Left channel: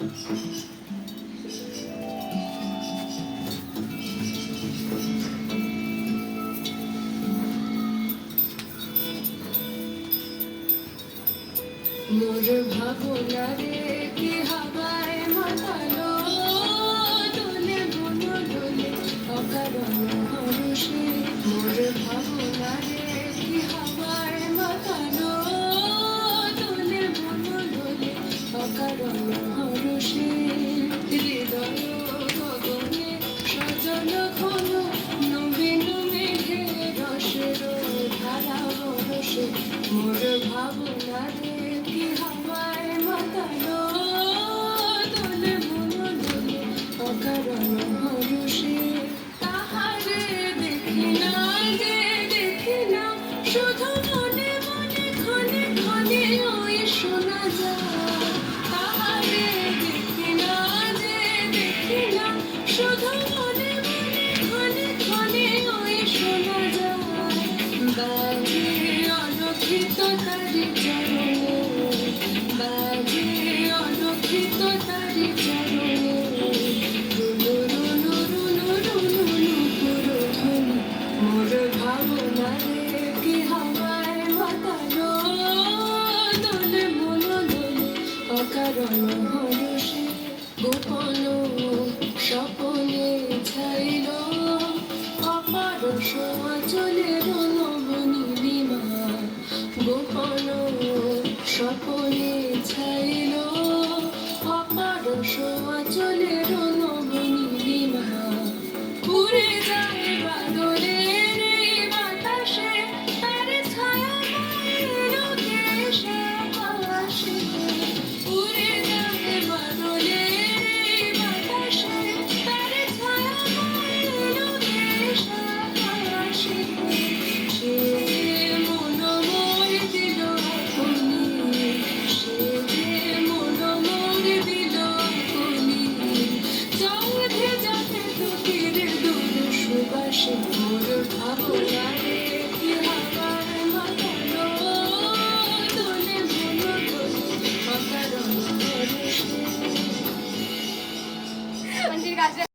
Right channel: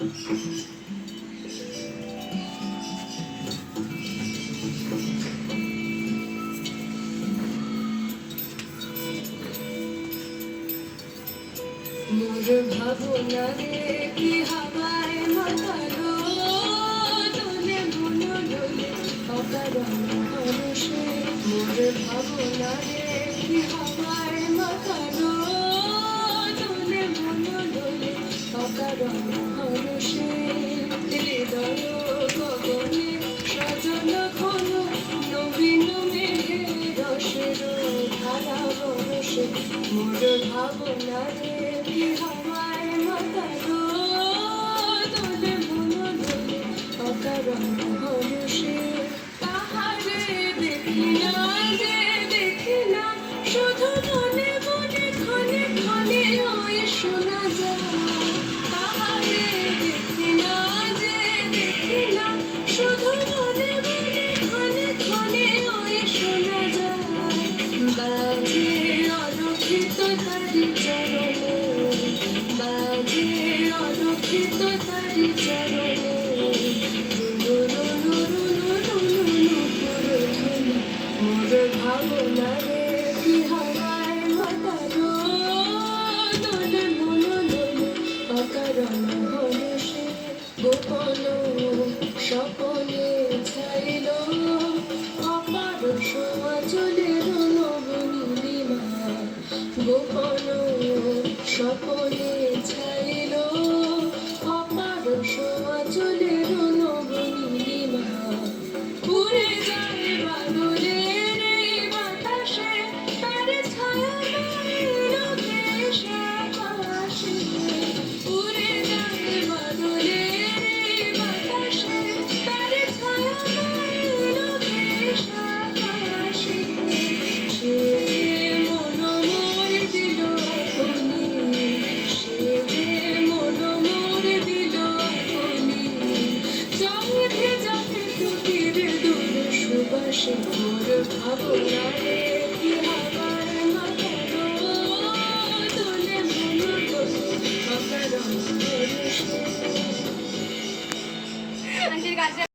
মোর ভাবনা রে কি হাওয়ায় মাতালো, দোলে মন দোলে অকারণ হরষে। মোর ভাবনা রে কি হাওয়ায় মাতালো, দোলে মন দোলে অকারণ হরষে। হৃদয় গগনে সাজানো ঘন নবীন মেঘে রসের ধারা বরষে। মোর ভাবনা রে কি হাওয়ায় মাতালো, দোলে মন দোলে অকারণ হরষে। তাহারে দেখি না যে দেখি না, শুধু মনে মনে ক্ষণে ক্ষণে ওই শোনা যায়। তাহারে দেখি না যে দেখি না, শুধু মনে মনে ক্ষণে ক্ষণে ওই শোনা যায়। বাজে অলক্ষিত তারি চরণে, বাজে অলক্ষিত তারি চরণে। মোর ভাবনা রে কি হাওয়ায় মাতালো, দোলে মন দোলে অকারণ হরষে। গোপন স্বপনে